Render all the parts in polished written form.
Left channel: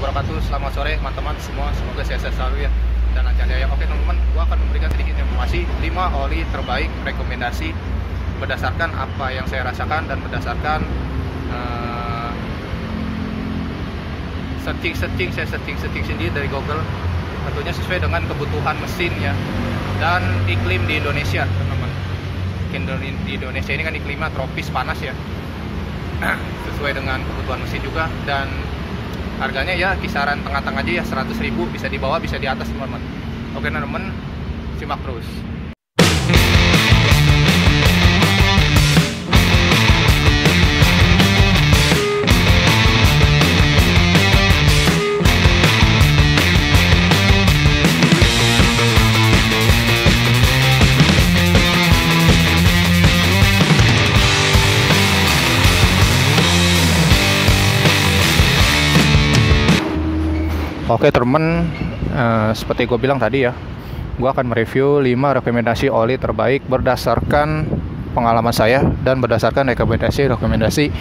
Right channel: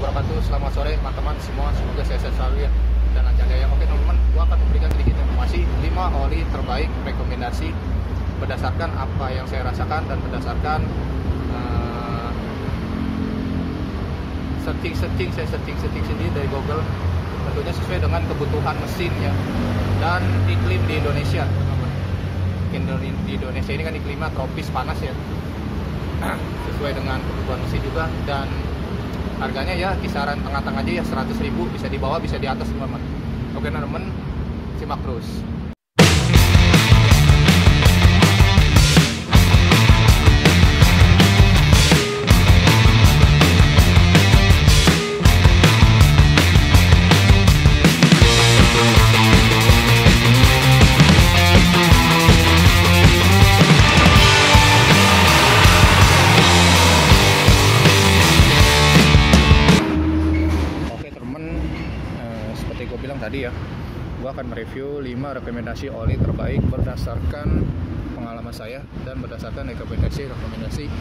wabarakatuh. Selamat sore teman-teman semua. Semoga sehat selalu ya dan lancar jaya. Oke teman-teman, gua akan memberikan sedikit informasi 5 oli terbaik rekomendasi berdasarkan apa yang saya rasakan dan berdasarkan saya searching sendiri dari Google. Tentunya sesuai dengan kebutuhan mesin ya dan iklim di Indonesia teman-teman. Di Indonesia ini kan iklimnya tropis panas ya. Sesuai dengan kebutuhan mesin juga, dan harganya ya kisaran tengah-tengah aja ya, 100.000, bisa di bawah bisa di atas teman-teman. Oke teman-teman, simak terus. Oke teman, seperti gue bilang tadi ya, gue akan mereview 5 rekomendasi oli terbaik berdasarkan pengalaman saya dan berdasarkan rekomendasi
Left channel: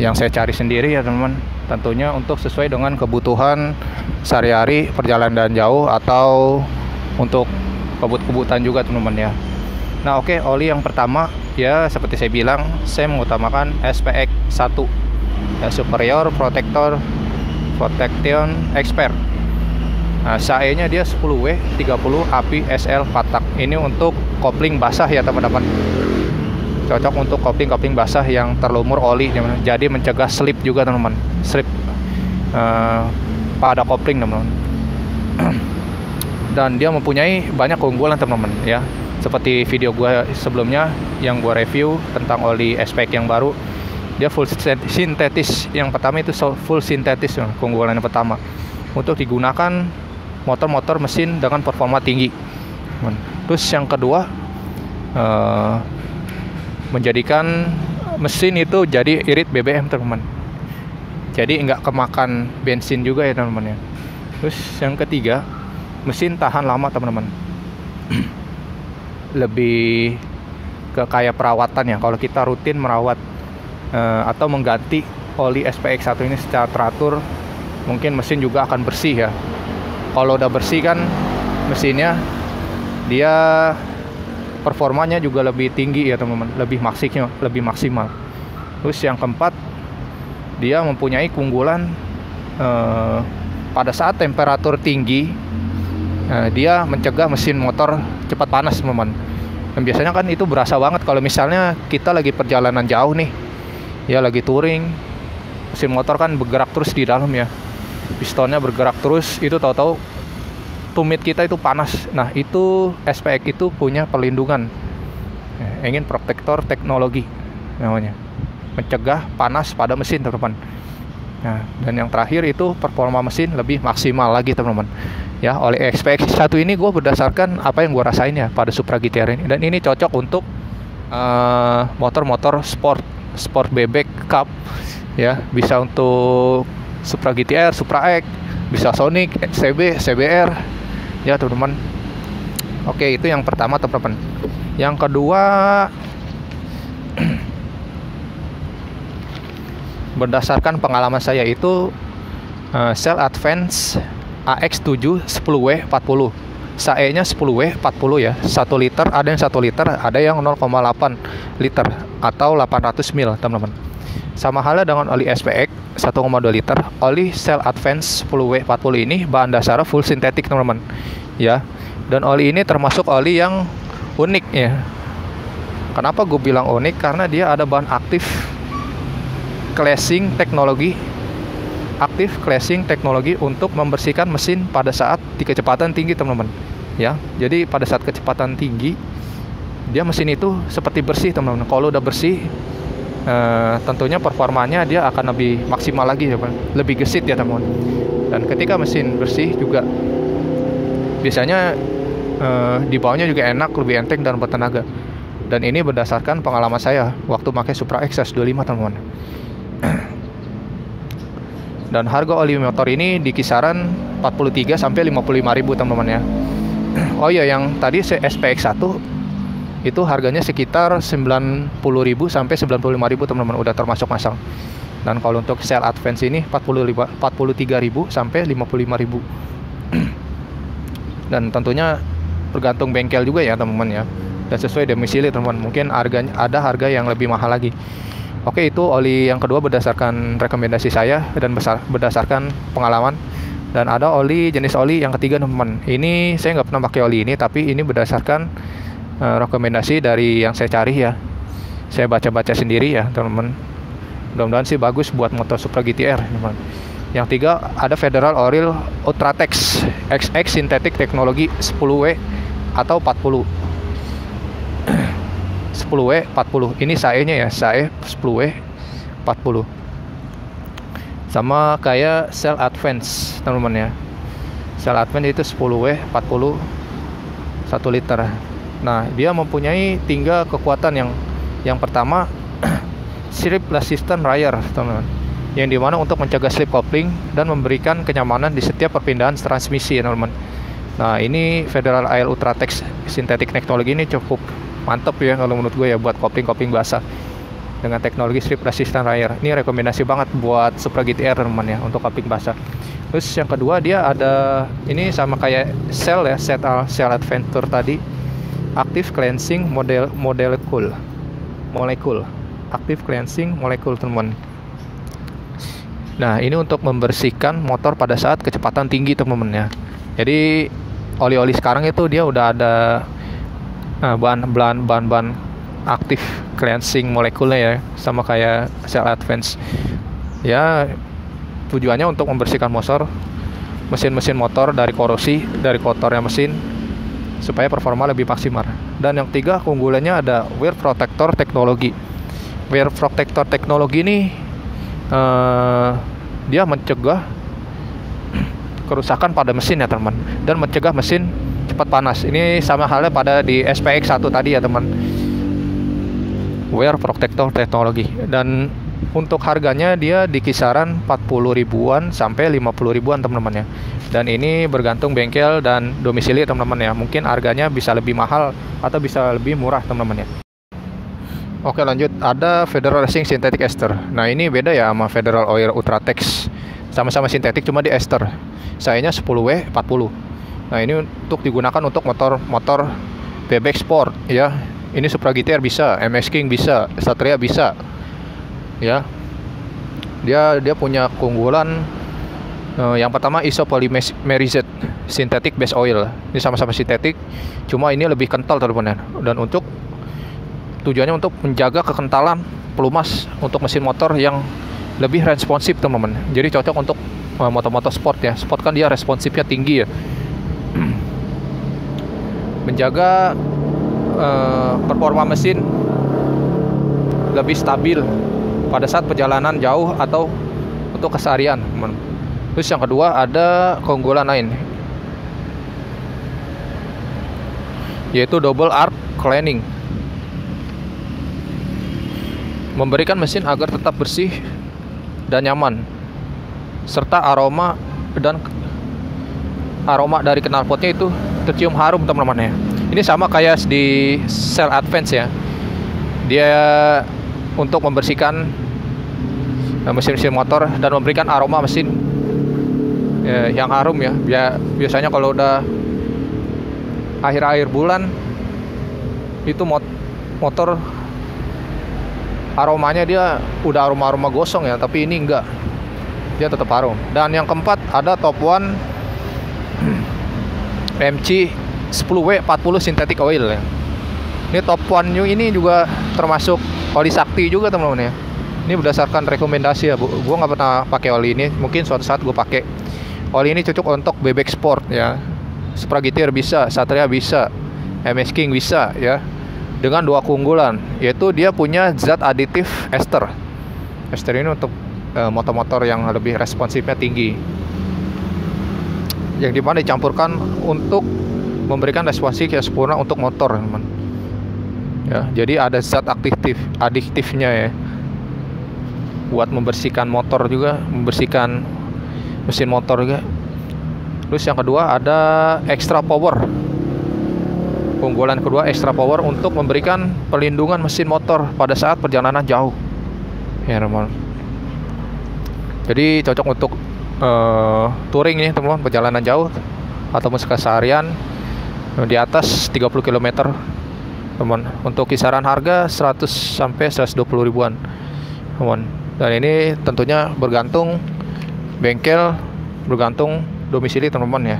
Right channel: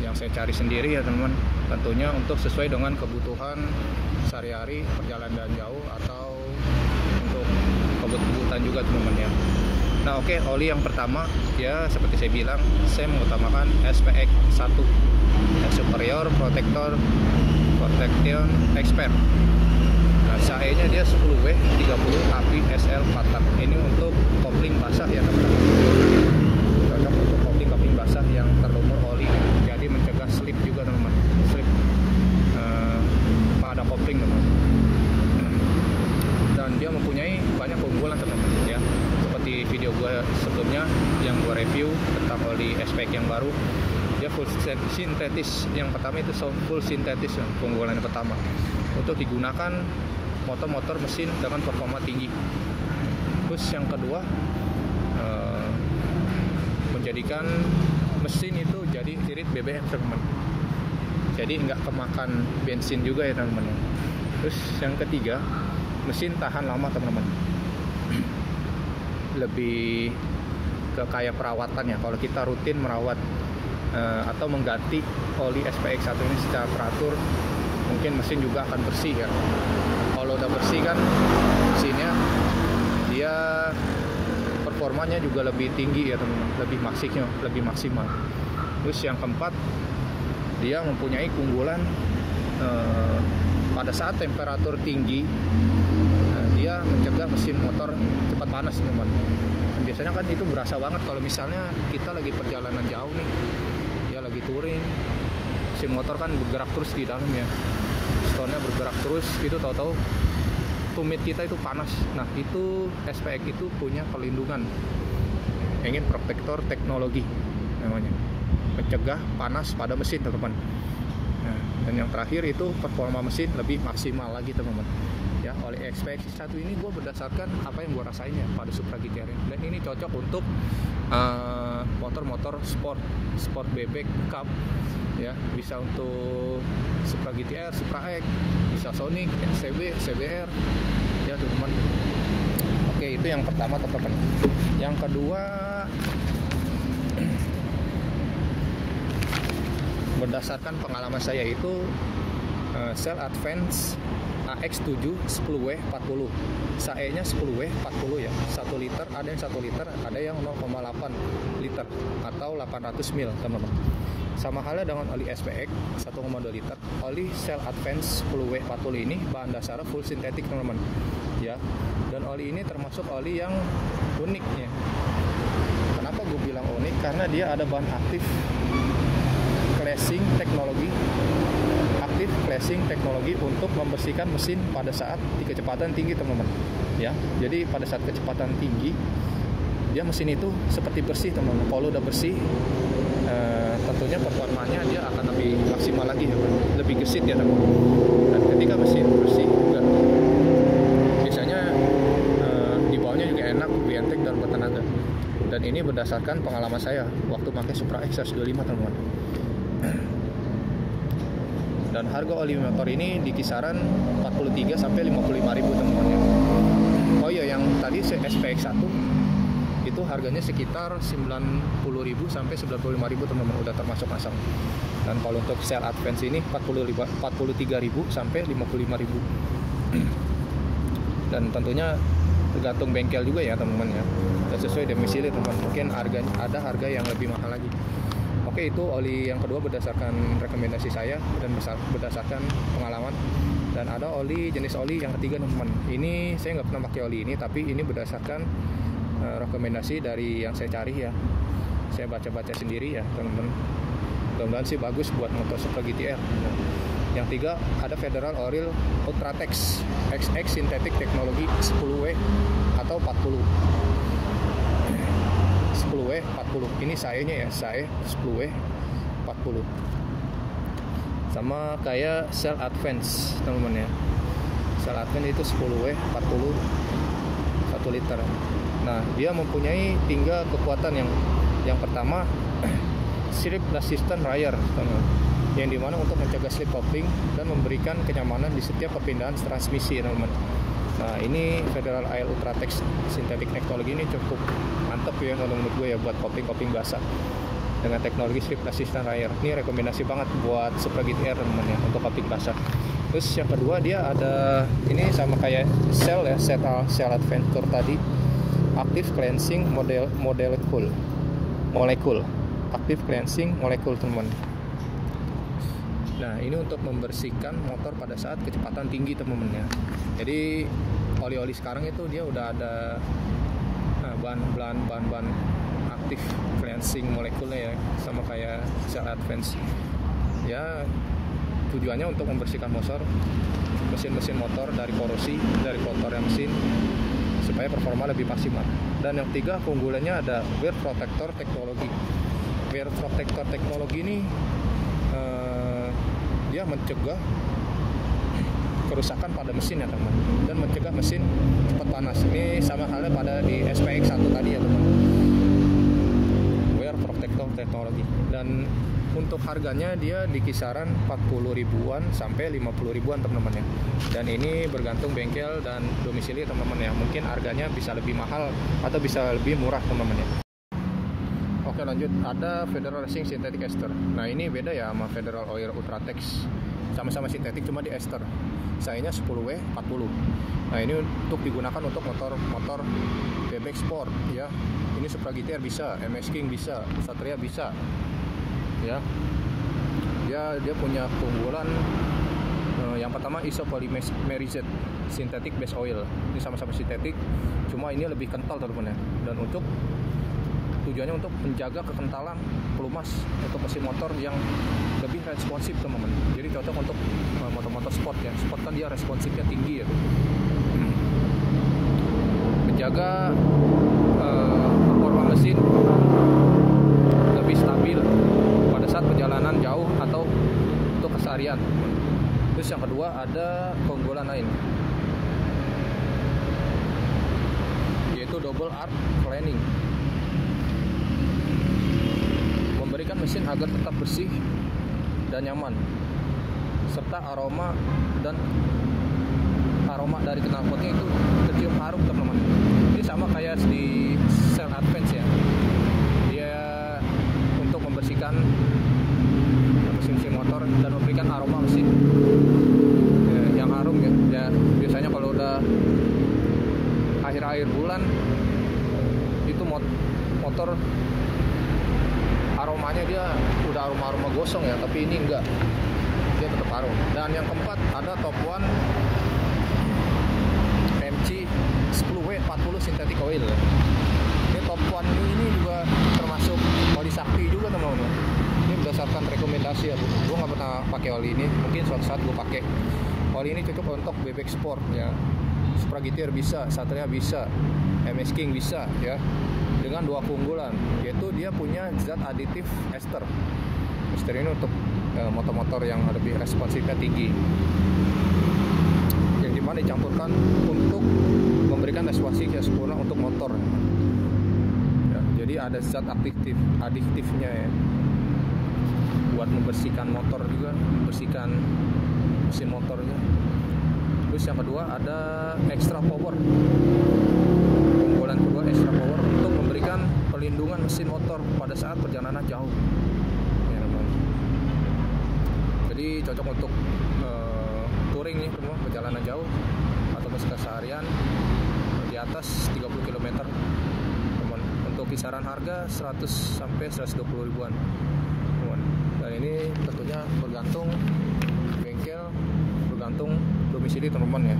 yang saya cari sendiri ya teman-teman. Tentunya untuk sesuai dengan kebutuhan sehari-hari, perjalanan jauh atau untuk kebut-kebutan juga teman-teman ya. Nah oke, oli yang pertama ya seperti saya bilang, saya mengutamakan SPX 1 ya, Superior Protection Expert. Nah, SAE-nya dia 10W 30 API SL Patak. Ini untuk kopling basah ya teman-teman. Cocok untuk kopling basah yang terlumur oli, jadi mencegah slip juga teman-teman. Slip pada kopling teman-teman. Dan dia mempunyai banyak keunggulan teman-teman ya. Seperti video gua sebelumnya yang gua review tentang oli SPX yang baru. Dia full sintetis. Yang pertama itu full sintetis, keunggulan yang pertama. Untuk digunakan motor-motor mesin dengan performa tinggi. Terus yang kedua, menjadikan mesin itu jadi irit BBM teman-teman. Jadi nggak kemakan bensin juga ya teman-teman ya. Terus yang ketiga, mesin tahan lama teman-teman. Lebih ke kayak perawatan ya. Kalau kita rutin merawat atau mengganti oli SPX 1 ini secara teratur, mungkin mesin juga akan bersih ya. Kalau udah bersih kan mesinnya, dia performanya juga lebih tinggi ya teman-teman, lebih maksimal. Terus yang keempat, dia mempunyai keunggulan pada saat temperatur tinggi, dia mencegah mesin motor cepat panas teman-teman. Dan biasanya kan itu berasa banget kalau misalnya kita lagi perjalanan jauh nih ya, lagi touring, mesin motor kan bergerak terus di dalam ya, pistonnya bergerak terus, itu tahu-tahu tumit kita itu panas. Nah itu SPX itu punya perlindungan, engine protector teknologi namanya, mencegah panas pada mesin teman-teman. Nah, dan yang terakhir itu performa mesin lebih maksimal lagi teman-teman ya. Oleh SPX 1 ini gue berdasarkan apa yang gue rasain ya pada Supra GTR ini, dan ini cocok untuk motor-motor sport bebek cup ya, bisa untuk Supra GTR, Supra X, bisa Sonic, CB, CBR ya teman-teman. Oke, itu yang pertama teman-teman. Yang kedua, berdasarkan pengalaman saya itu Shell Advance AX7 10W 40, SAE-nya 10W 40 ya, 1 liter, ada yang 1 liter, ada yang 0,8 liter atau 800 ml teman-teman. Sama halnya dengan oli SPX 1,2 liter, oli Shell Advance 10W 40 ini bahan dasarnya full sintetik teman-teman ya. Dan oli ini termasuk oli yang unik ya. Kenapa gue bilang unik? Karena dia ada bahan aktif clashing teknologi untuk membersihkan mesin pada saat di kecepatan tinggi teman-teman ya. Jadi pada saat kecepatan tinggi, dia mesin itu seperti bersih teman-teman. Kalau udah bersih, tentunya performanya dia akan lebih maksimal lagi ya, lebih gesit ya teman-teman. Dan ketika mesin bersih juga biasanya dibawanya juga enak, lebih enteng dan bertenaga. Dan ini berdasarkan pengalaman saya waktu pakai Supra XS25 teman-teman. Dan harga oli motor ini di kisaran 43 sampai 55.000 teman-teman ya. Oh iya, yang tadi SPX 1 itu harganya sekitar 90.000 sampai 95.000 teman-teman, udah termasuk masang. Dan kalau untuk Cell Advance ini 43.000 sampai 55.000. Dan tentunya tergantung bengkel juga ya teman-teman ya. Dan sesuai domisili teman-teman. Mungkin harganya ada harga yang lebih mahal lagi. Oke, itu oli yang kedua berdasarkan rekomendasi saya dan berdasarkan pengalaman. Dan ada jenis oli yang ketiga teman-teman. Ini saya nggak pernah pakai oli ini, tapi ini berdasarkan rekomendasi dari yang saya cari ya. Saya baca-baca sendiri ya teman-teman. Mudah-mudahan sih bagus buat motor Supra GTR teman-teman. Yang tiga ada Federal Oil Ultratex XX Sintetik Teknologi 10W atau 40. 10W 40. Ini SAE-nya ya, SAE 10W 40. Sama kayak Cell Advance teman-teman ya. Cell Advance itu 10W 40 1 liter. Nah, dia mempunyai 3 kekuatan. Yang pertama slip resistant rear teman-teman, yang dimana untuk mencegah slip coupling dan memberikan kenyamanan di setiap perpindahan transmisi teman-teman. Nah, ini Federal Oil Ultratex Sintetik Teknologi ini cukup mantap ya kalau menurut gue ya buat kopling basah dengan teknologi slip resistant rear. Ini rekomendasi banget buat Supra GTR teman-teman ya untuk kopling basah. Terus yang kedua dia ada ini sama kayak Cell ya, Cell Adventure tadi, Active Cleansing Molecule. Active Cleansing Molecule teman-teman. Nah, ini untuk membersihkan motor pada saat kecepatan tinggi teman-teman ya. Jadi oli-oli sekarang itu dia udah ada bahan-bahan aktif cleansing molekulnya ya, sama kayak Cell Advance. Ya, tujuannya untuk membersihkan mesin motor dari korosi, dari kotornya mesin, supaya performa lebih maksimal. Dan yang tiga keunggulannya ada Wear Protector Teknologi. Wear Protector Teknologi ini dia mencegah kerusakan pada mesin ya teman, dan mencegah mesin cepat panas. Ini sama halnya pada di SPX1 tadi ya teman. Wear Protector Teknologi. Dan untuk harganya dia di kisaran 40 ribuan sampai 50 ribuan teman-teman ya. Dan ini bergantung bengkel dan domisili teman-teman ya. Mungkin harganya bisa lebih mahal atau bisa lebih murah teman-teman ya. Oke, lanjut, ada Federal Racing Synthetic Ester. Nah, ini beda ya sama Federal Oil Ultratex. Sama-sama sintetik, cuma di ester. Sayanya 10W 40. Nah, ini untuk digunakan untuk motor bebek sport ya. Ini Supra GTR bisa, MS King bisa, Satria bisa. Ya. Dia punya keunggulan yang pertama isopolymerized synthetic base oil. Ini sama-sama sintetik, cuma ini lebih kental teman-teman. Dan untuk tujuannya untuk menjaga kekentalan pelumas untuk mesin motor yang lebih responsif teman-teman. Jadi cocok untuk motor-motor sport ya. Sport kan dia responsifnya tinggi ya. Menjaga performa mesin lebih stabil pada saat perjalanan jauh atau untuk keseharian teman. Terus yang kedua ada keunggulan lain, yaitu double arc cleaning. Memberikan mesin agar tetap bersih dan nyaman, serta aroma dari knalpotnya itu tercium harum teman-teman ya. Ini sama kayak di Cell Advance ya. Dia untuk membersihkan mesin motor dan memberikan aroma mesin yang harum ya. Biasanya kalau udah akhir-akhir bulan itu motor aromanya dia udah aroma gosong ya, tapi ini enggak, dia tetap harum. Dan yang keempat ada Top One MC 10W 40 synthetic oil ya. Ini Top One New ini juga termasuk oli sakti juga teman-teman ya. Ini berdasarkan rekomendasi ya, gue nggak pernah pakai oli ini, mungkin suatu saat gue pakai. Oli ini cocok untuk bebek sport ya. Supra GTR bisa, Satria bisa, MS King bisa ya. Dengan dua keunggulan, yaitu dia punya zat aditif ester. Ester ini untuk motor-motor yang lebih responsifnya tinggi, yang dimana dicampurkan untuk memberikan responsif yang sempurna untuk motor teman. Ya, jadi ada zat adiktifnya ya, buat membersihkan motor juga, membersihkan mesin motor juga. Terus yang kedua ada extra power. Keunggulan kedua extra power untuk memberikan perlindungan mesin motor pada saat perjalanan jauh ya teman. Jadi cocok untuk touring nih teman-teman, perjalanan jauh ataupun keseharian di atas 30 km teman. Untuk kisaran harga 100 sampai 120 ribuan teman. Dan ini tentunya bergantung bengkel, bergantung domisili teman-teman ya.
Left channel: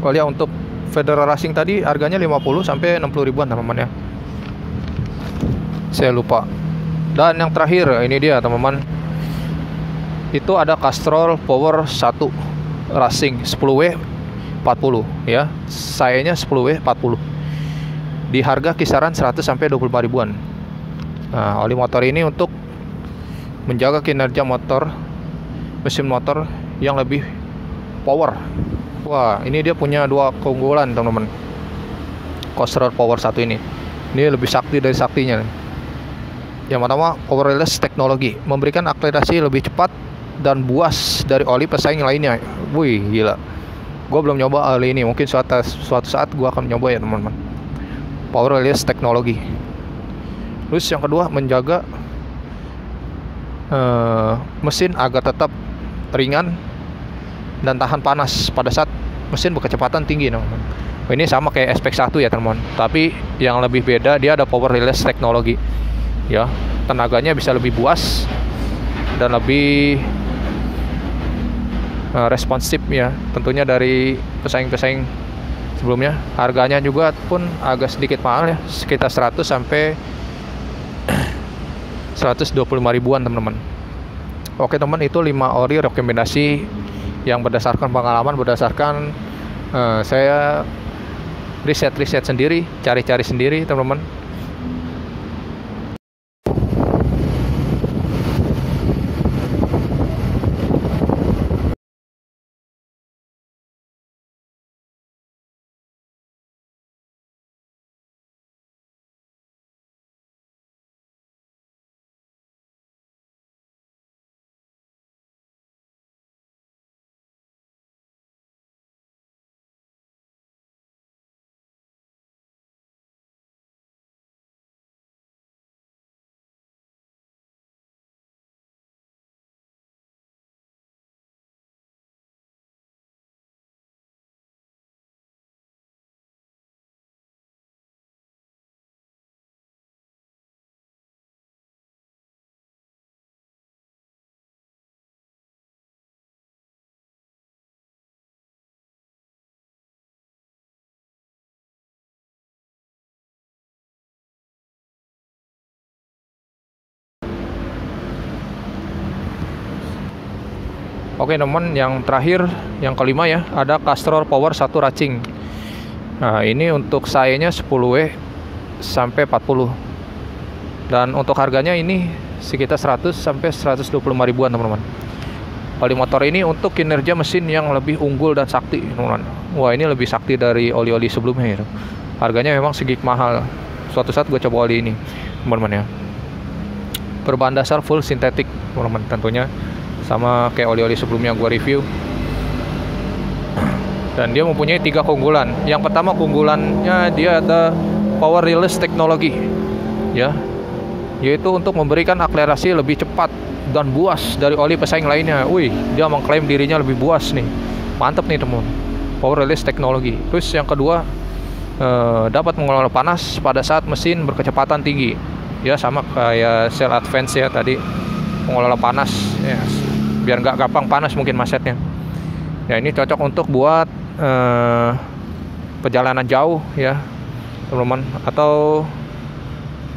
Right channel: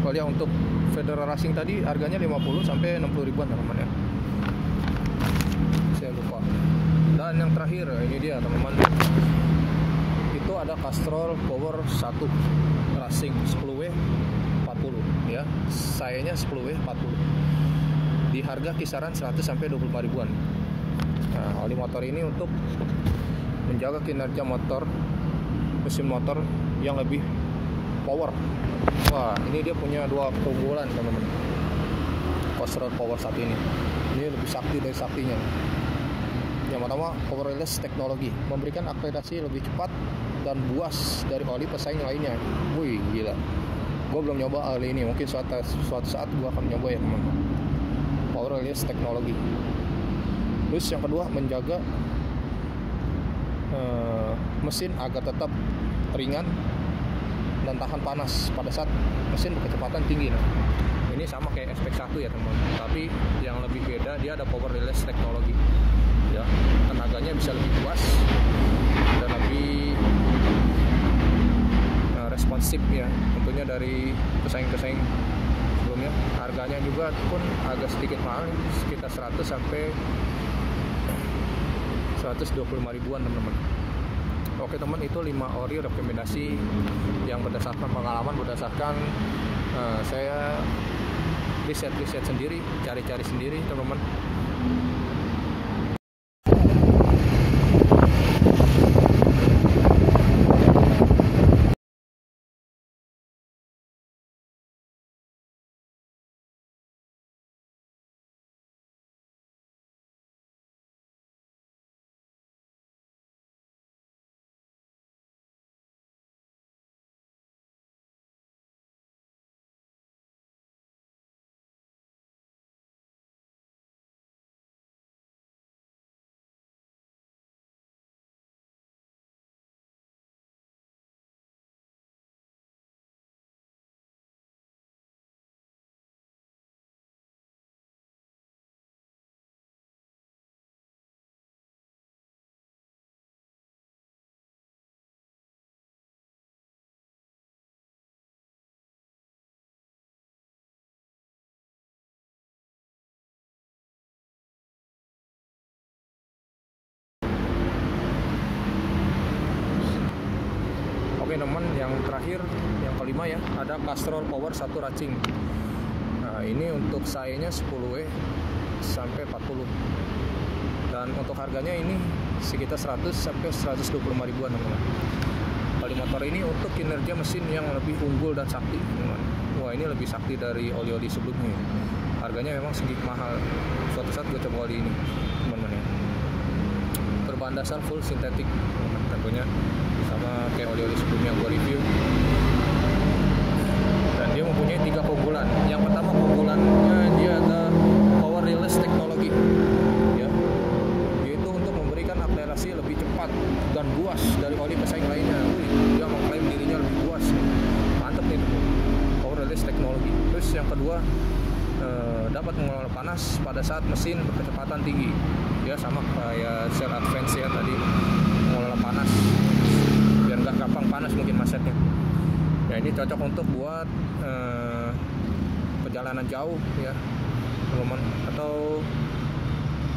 Kalau ya untuk Federal Racing tadi harganya 50 sampai 60 ribuan teman-teman ya. Saya lupa. Dan yang terakhir ini dia teman-teman. Itu ada Castrol Power 1 Racing 10W 40 ya. Sayanya 10W 40. Di harga kisaran 100 sampai 25 ribuan. Nah, oli motor ini untuk menjaga kinerja motor, mesin motor yang lebih power. Wah, ini dia punya dua keunggulan teman-teman. Castrol Power 1 ini lebih sakti dari saktinya. Yang pertama, powerless teknologi, memberikan akselerasi lebih cepat dan buas dari oli pesaing lainnya. Wih, gila. Gue belum nyoba oli ini, mungkin suatu saat gue akan nyoba ya teman-teman. Powerless teknologi. Terus yang kedua, menjaga mesin agar tetap ringan dan tahan panas pada saat mesin berkecepatan tinggi. Ini sama kayak SPX1 ya teman-teman, tapi yang lebih beda dia ada powerless teknologi ya. Tenaganya bisa lebih buas dan lebih responsif ya, tentunya dari pesaing-pesaing sebelumnya. Harganya juga pun agak sedikit mahal ya, sekitar 100 sampai 125 ribuan teman-teman. Oke teman, itu 5 ori rekomendasi yang berdasarkan pengalaman, berdasarkan saya riset sendiri, cari-cari sendiri teman-teman. Oke teman, yang terakhir, yang kelima ya, ada Castrol Power 1 Racing. Nah, ini untuk sayanya 10W sampai 40. Dan untuk harganya ini sekitar 100 sampai 125 ribuan teman-teman. Oli motor ini untuk kinerja mesin yang lebih unggul dan sakti teman-teman. Wah, ini lebih sakti dari oli-oli sebelumnya ya. Harganya memang sedikit mahal. Suatu saat gue coba oli ini teman-teman ya. Berbahan dasar full sintetik teman-teman, tentunya sama kayak oli-oli sebelumnya gue review. Dan dia mempunyai 3 keunggulan. Yang pertama, keunggulannya dia ada powerless teknologi ya, yaitu untuk memberikan akselerasi lebih cepat dan buas dari oli pesaing lainnya. Wih, dia mengklaim dirinya lebih buas nih. Mantap nih teman, powerless teknologi. Terus yang kedua, dapat mengelola panas pada saat mesin berkecepatan tinggi ya, sama kayak Cell Advance ya tadi, mengelola panas ya, biar nggak gampang panas mungkin masetnya. Ya, ini cocok untuk buat perjalanan jauh ya teman-teman, atau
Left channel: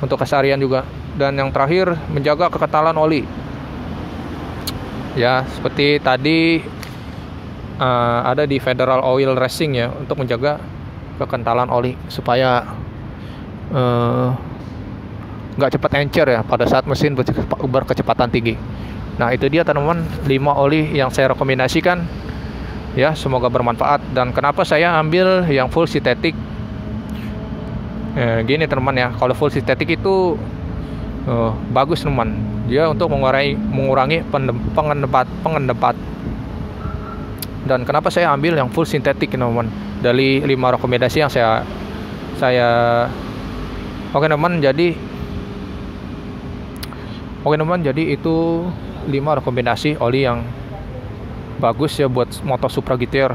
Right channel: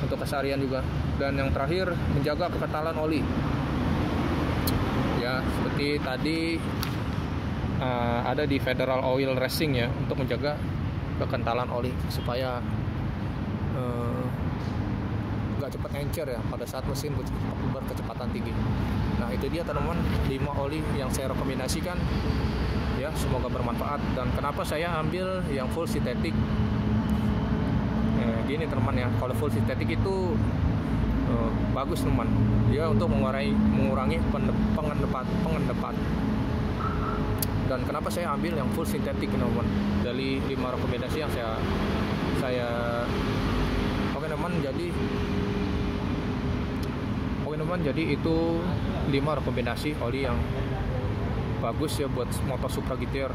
untuk keseharian juga. Dan yang terakhir, menjaga kekentalan oli ya, seperti tadi ada di Federal Oil Racing ya, untuk menjaga kekentalan oli supaya nggak cepat encer ya pada saat mesin berkecepatan tinggi. Nah, itu dia teman-teman 5 oli yang saya rekomendasikan ya, semoga bermanfaat. Dan kenapa saya ambil yang full sintetik gini teman-teman ya, kalau full sintetik itu bagus teman, dia untuk mengurangi pengendapan. Dan kenapa saya ambil yang full sintetik teman-teman, dari 5 rekomendasi yang saya oke teman, jadi itu 5 rekomendasi oli yang bagus ya buat motor Supra GTR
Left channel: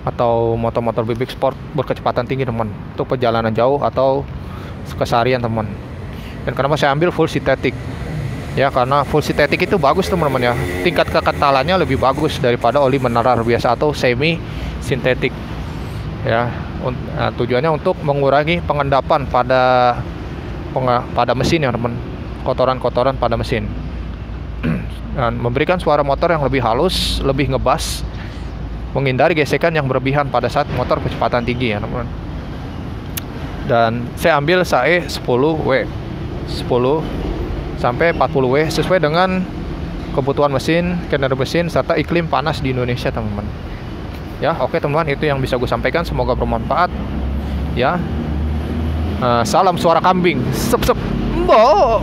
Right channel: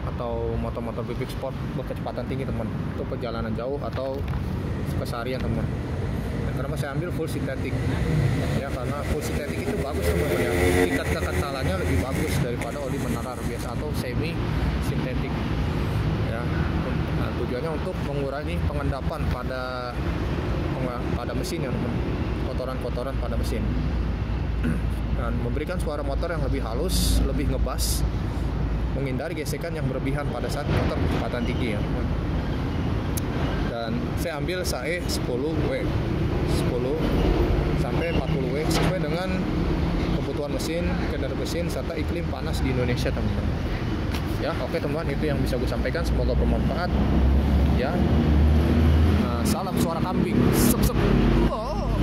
atau motor-motor bebek sport berkecepatan tinggi teman, untuk perjalanan jauh atau keseharian teman. Dan kenapa saya ambil full synthetic? Ya karena full synthetic itu bagus teman-teman ya, tingkat kekentalannya lebih bagus daripada oli mineral biasa atau semi sintetik ya. Tujuannya untuk mengurangi pengendapan pada mesin ya teman, kotoran-kotoran pada mesin, dan memberikan suara motor yang lebih halus, lebih ngebas, menghindari gesekan yang berlebihan pada saat motor kecepatan tinggi ya teman. Dan saya ambil SAE 10W 10 sampai 40W sesuai dengan kebutuhan mesin, kinerja mesin, serta iklim panas di Indonesia teman-teman. Ya oke teman-teman, itu yang bisa gue sampaikan, semoga bermanfaat ya. Salam suara kambing, sep sep, oh.